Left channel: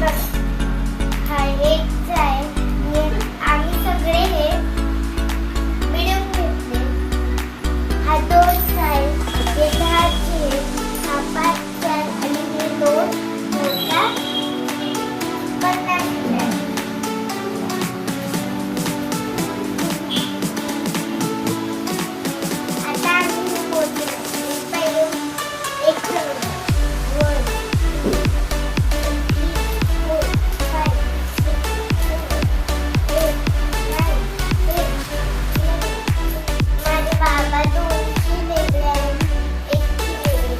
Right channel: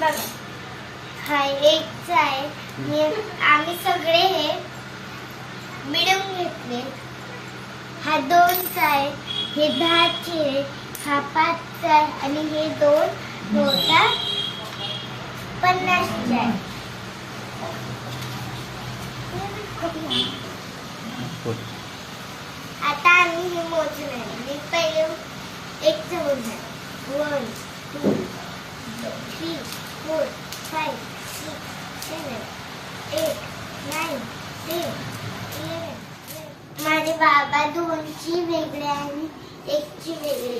बघा, हा एक आहे. आम्ही सगळे हे मिळून घेतले. हा 2 आहे, हे 10चे, हा 5 आहे आणि हे 2 मोठा 50 आहे. आता आम्ही हे मोजणार. पहिले एक ठरवून 1 2 3 4 5 6 7 8 9 10 11. माझे बाबा 2ची वेगळे आणि 1ची वेगळी.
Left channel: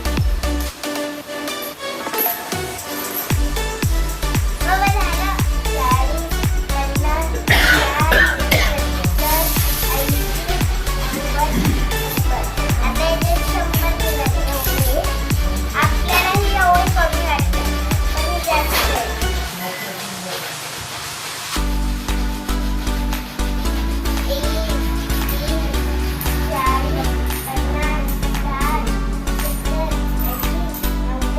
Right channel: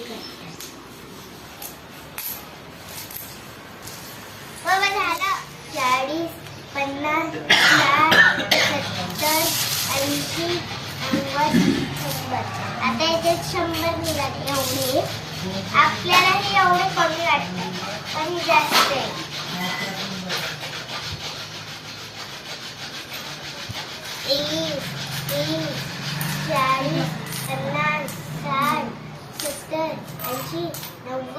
बाबा झालं. 40 50 60 70 80 90. आता इथे 100 निघत नव्हते. आपल्याला हे एवढे कमी वाटतं, पण हे जास्त आहे. 40 50 60 70 80 90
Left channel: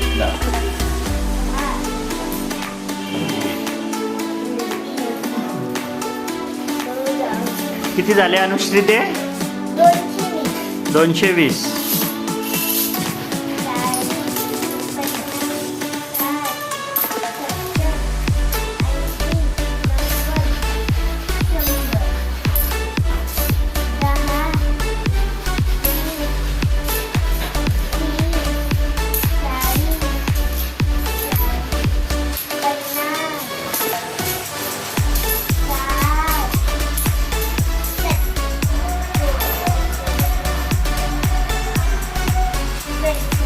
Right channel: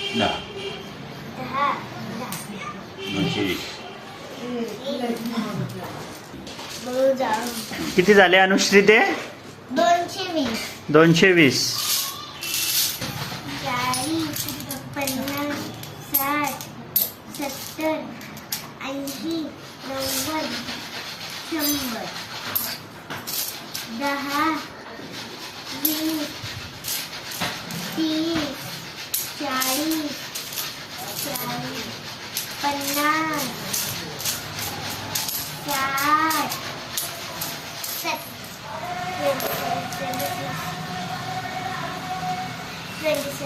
100 200 किती झाले अनुश्री ते? 220. 220. 40 50 60 70 80 90 100 10 20 30 40 50 60 70